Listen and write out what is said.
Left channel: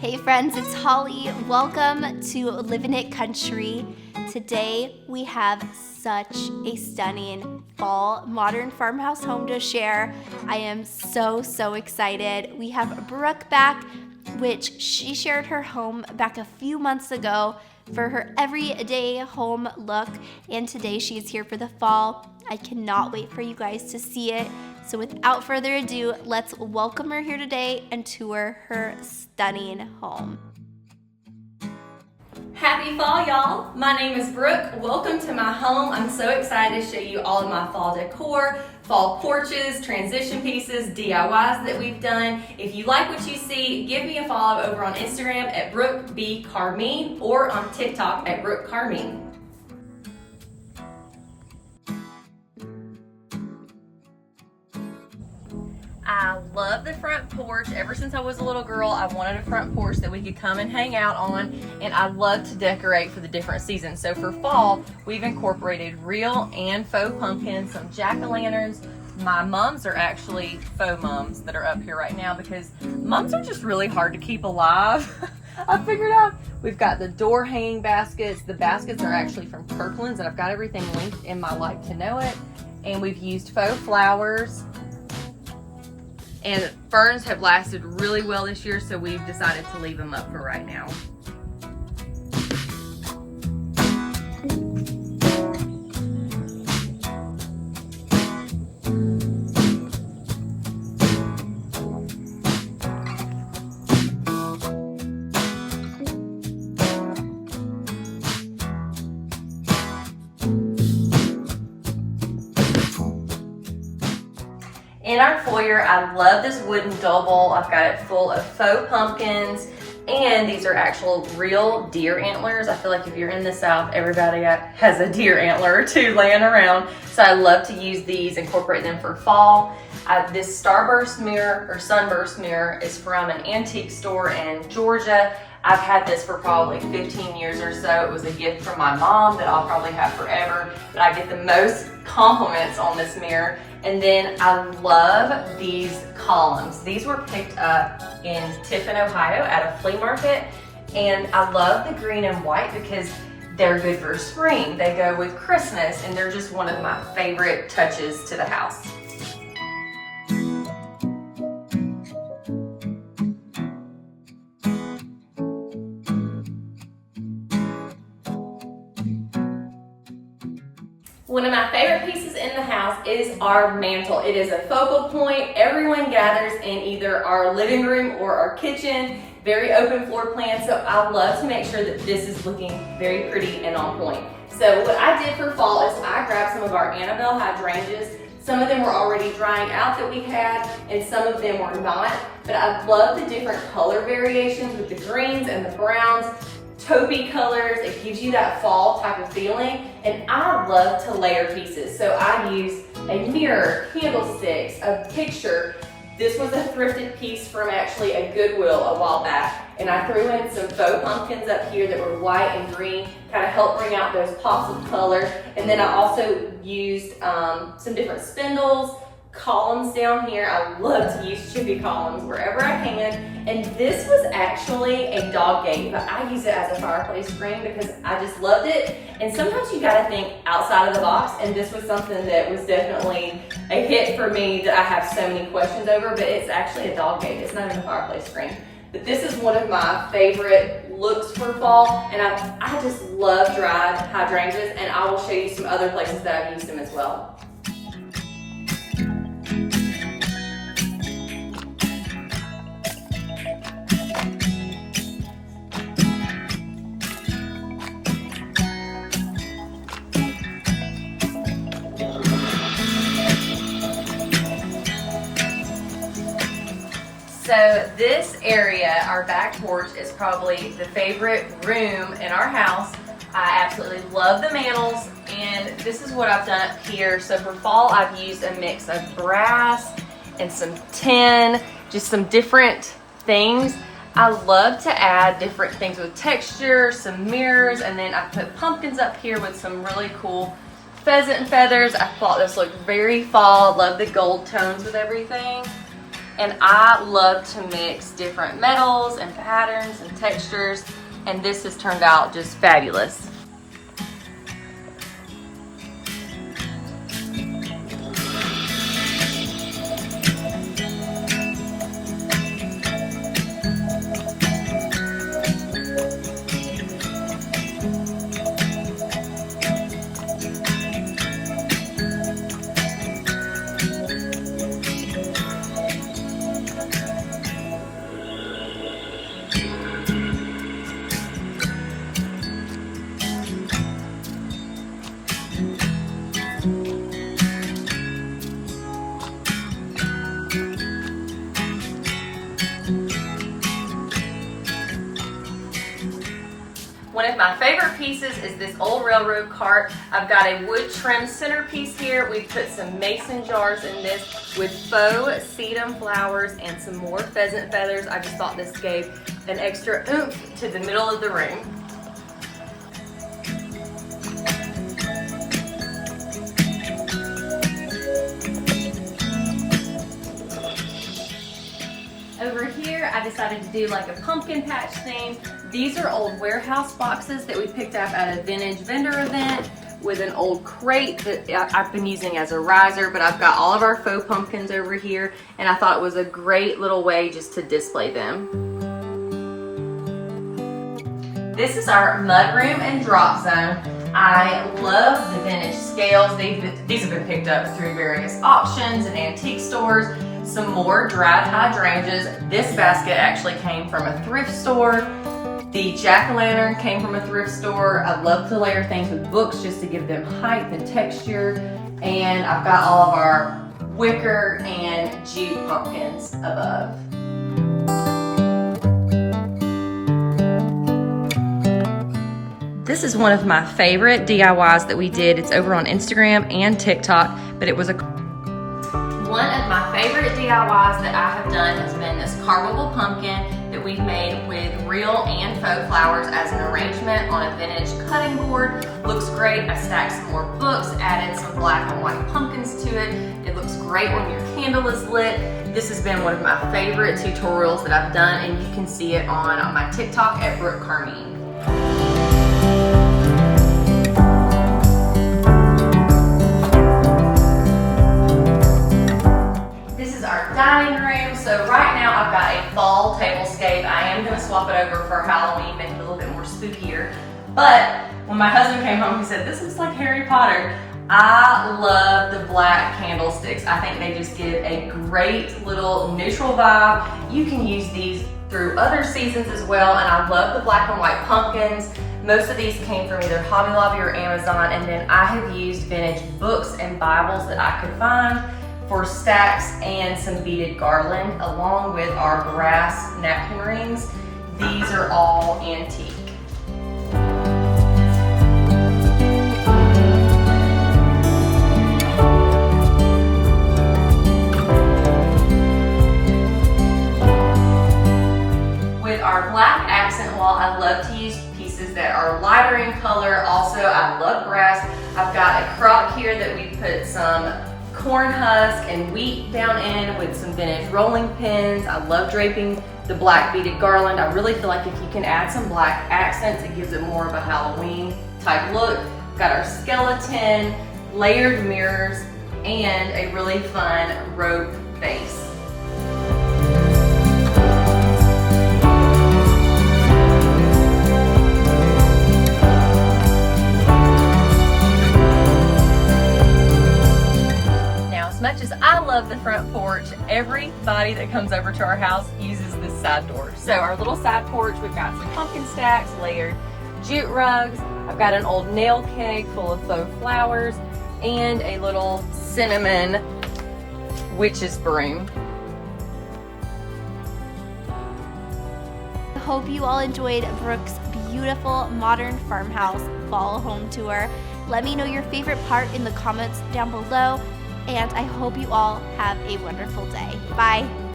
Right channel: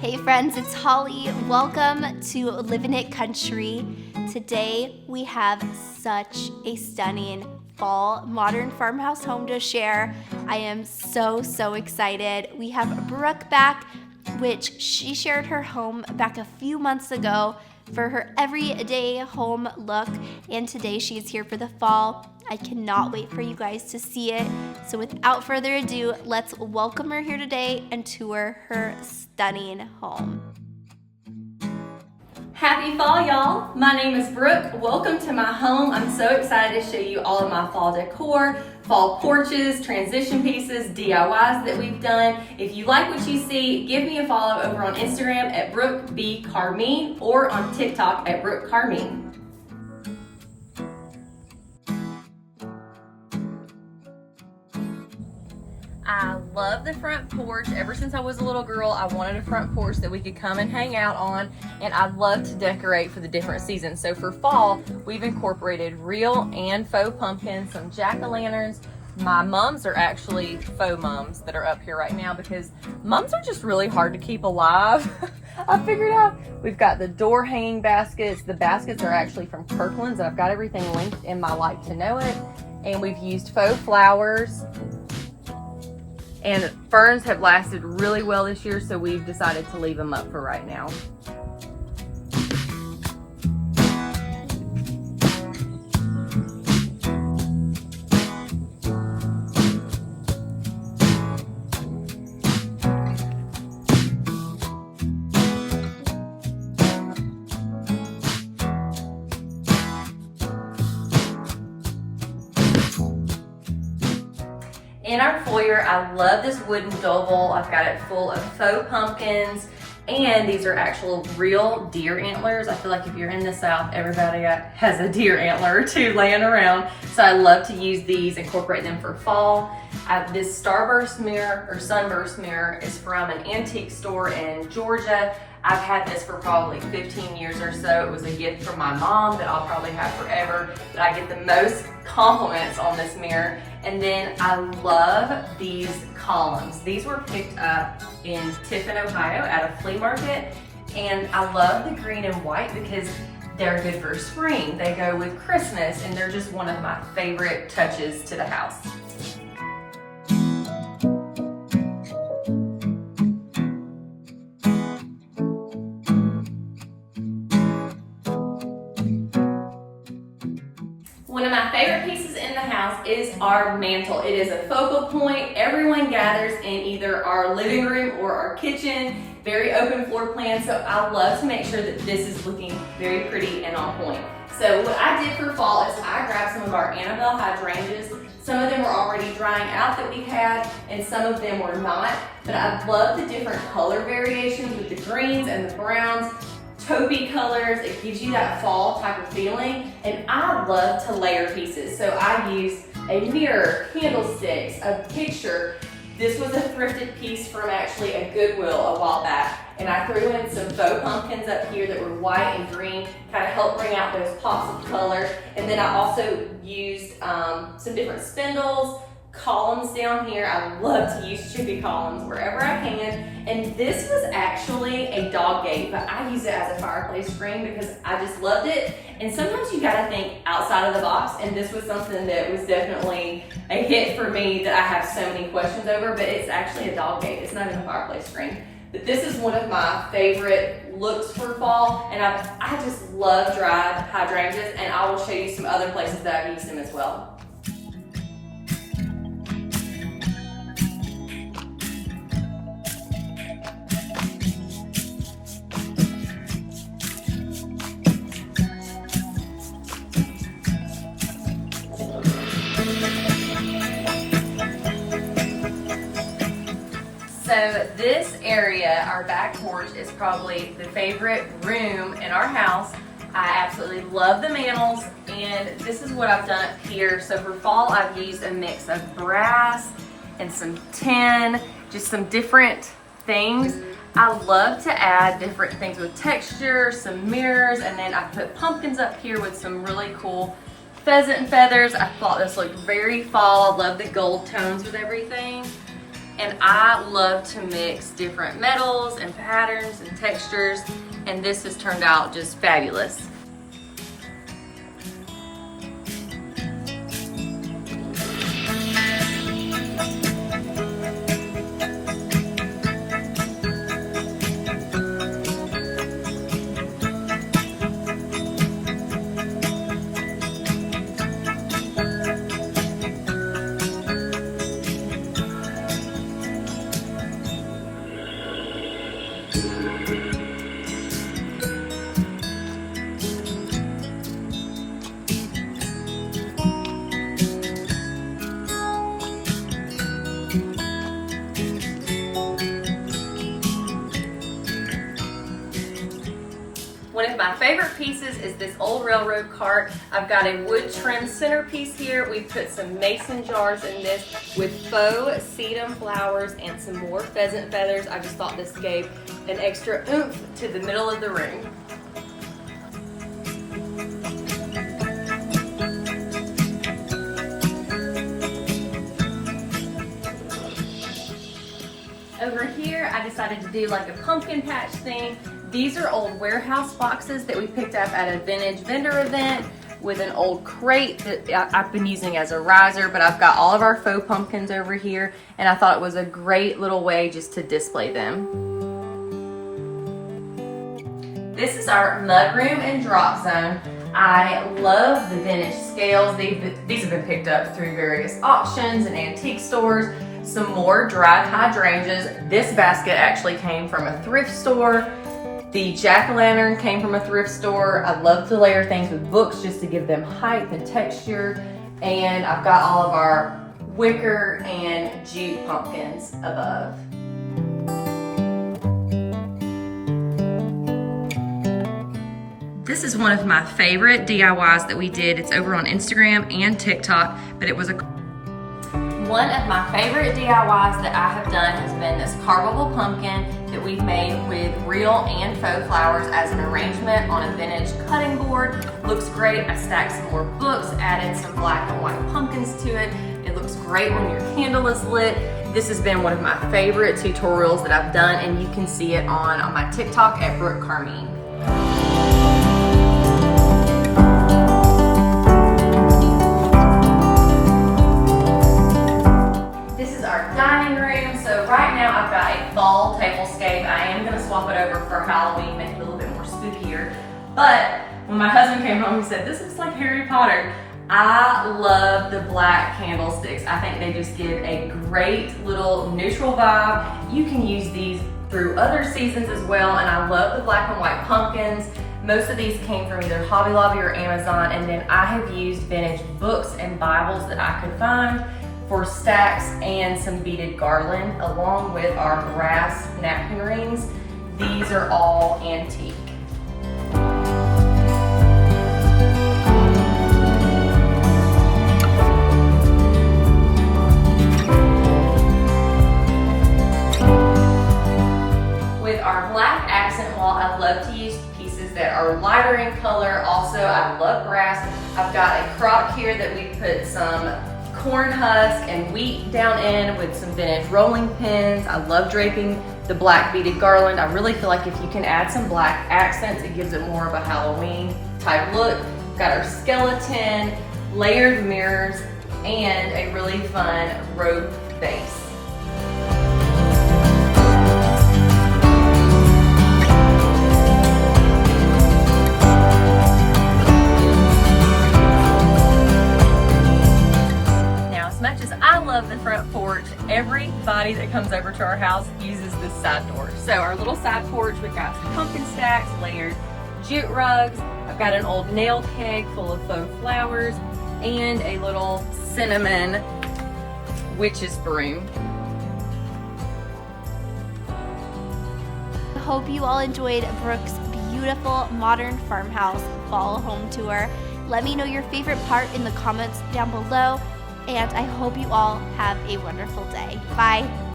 Hey friends, it's Holly. Welcome to Living It Country. Today we have such a stunning fall modern farmhouse home to share. I am so excited. We have Brooke back, which she shared her home back a few months ago for her everyday home look, and today she is here for the fall. I cannot wait for you guys to see it. So without further ado, let's welcome her here today and tour her stunning home. Happy fall, y'all. My name is Brooke. Welcome to my home. I'm so excited to show you all of my fall decor, fall porches, transition pieces, DIYs that we've done. If you like what you see, give me a follow over on Instagram at Brooke B. Carmine or on TikTok at Brooke Carmine. I love the front porch. Ever since I was a little girl, I wanted a front porch that we could come and hang out on, and I love to decorate for the different seasons. So for fall, we've incorporated real and faux pumpkins, some jack-o'-lanterns. My mums are actually faux mums that are up here right now because mums are just really hard to keep alive. I figured out we've got the door hanging baskets. The baskets are actually from Kirkland's, and I've got everything linked in my Like to Know It. And we've used faux flowers. And ferns have lasted really well this year, so we've decided to leave them up for right now. In our foyer, I love this wooden double. I've got it full of faux pumpkins, and these are actual real deer antlers. I feel like if you're in the South, everybody has a deer antler or two laying around. So I love to use these, incorporate them for fall. This starburst mirror or sunburst mirror is from an antique store in Georgia. I've had this for probably 15 years or so. It was a gift from my mom that I'll probably have forever, but I get the most compliments on this mirror. And then I love these columns. These were picked up in Tiffin, Ohio at a flea market. And I love the green and white because they're good for spring. They go with Christmas, and they're just one of my favorite touches to the house. One of my favorite pieces in the house is our mantel. It is a focal point. Everyone gathers in either our living room or our kitchen. Very open floor plan, so I love to make sure that this is looking very pretty and on point. So what I did for fall is I grabbed some of our Annabelle hydrangeas. Some of them were already drying out that we had, and some of them were not. But I love the different color variations with the greens and the browns. Taupey colors, it gives you that fall type of feeling, and I love to layer pieces. So I use a mirror, candlesticks, a picture. This was a thrifted piece from actually a Goodwill a while back, and I threw in some faux pumpkins up here that were white and green, kind of help bring out those pops of color. And then I also used some different spindles, columns down here. I love to use chippy columns wherever I can. And this was actually a dog gate, but I use it as a fireplace screen because I just loved it. And sometimes you gotta think outside of the box, and this was something that was definitely a hit for me that I have so many questions over, but it's actually a dog gate. It's not even a fireplace screen. But this is one of my favorite looks for fall, and I just love dried hydrangeas, and I will show you some other places that I've used them as well. So this area, our back porch, is probably the favorite room in our house. I absolutely love the mantels, and this is what I've done up here. So for fall, I've used a mix of brass and some tin, just some different things. I love to add different things with texture, some mirrors, and then I put pumpkins up here with some really cool pheasant feathers. I thought this looked very fall. Love the gold tones with everything. And I love to mix different metals and patterns and textures, and this has turned out just fabulous. One of my favorite pieces is this old railroad cart. I've got a wood trim centerpiece here. We've put some mason jars in this with faux sedum flowers and some more pheasant feathers. I just thought this gave an extra oomph to the middle of the room. Over here, I decided to do like a pumpkin patch theme. These are old warehouse boxes that we picked up at a vintage vendor event with an old crate that I've been using as a riser, but I've got all of our faux pumpkins over here, and I thought it was a great little way just to display them. This is our mudroom and drop zone. I love the vintage scales. These have been picked up through various auctions and antique stores. Some more dried hydrangeas. This basket actually came from a thrift store. The jack-o'-lantern came from a thrift store. I love to layer things with books just to give them height and texture. And I've got all of our wicker and jute pumpkins above. This is one of my favorite DIYs that we did. It's over on Instagram and TikTok, but it was one of my favorite DIYs that I have done has been this carvable pumpkin that we've made with real and faux flowers as an arrangement on a vintage cutting board. Looks great. I stacked some more books, added some black and white pumpkins to it. It looks great when your candle is lit. This has been one of my favorite tutorials that I've done, and you can see it on my TikTok at Brooke. Dining room. So right now I've got a fall tablescape. I am going to swap it over for Halloween, make it a little bit more spookier. But when my husband came home, he said, "This looks like Harry Potter." I love the black candlesticks. I think they just give a great little neutral vibe. You can use these through other seasons as well, and I love the black and white pumpkins. Most of these came from either Hobby Lobby or Amazon, and then I have used vintage books and Bibles that I could find for stacks and some beaded garland, along with our brass napkin rings. These are all antique. With our black accent wall, I love to use pieces that are lighter in color. Also, I love brass. I've got a crock here that we put some corn husk and wheat down in with some vintage rolling pins. I love draping the black beaded garland. I really feel like if you can add some black accents, it gives it more of a Halloween type look. Got our skeleton, layered mirrors, and a really fun rope base. The front porch, everybody that comes over to our house uses this side door. So our little side porch, we've got some pumpkin stacks, layered jute rugs. I've got an old nail keg full of faux flowers and a little cinnamon witch's broom. I hope you all enjoyed Brooke's beautiful modern farmhouse fall home tour. Let me know your favorite part in the comments down below. And I hope you all have a wonderful day. Bye.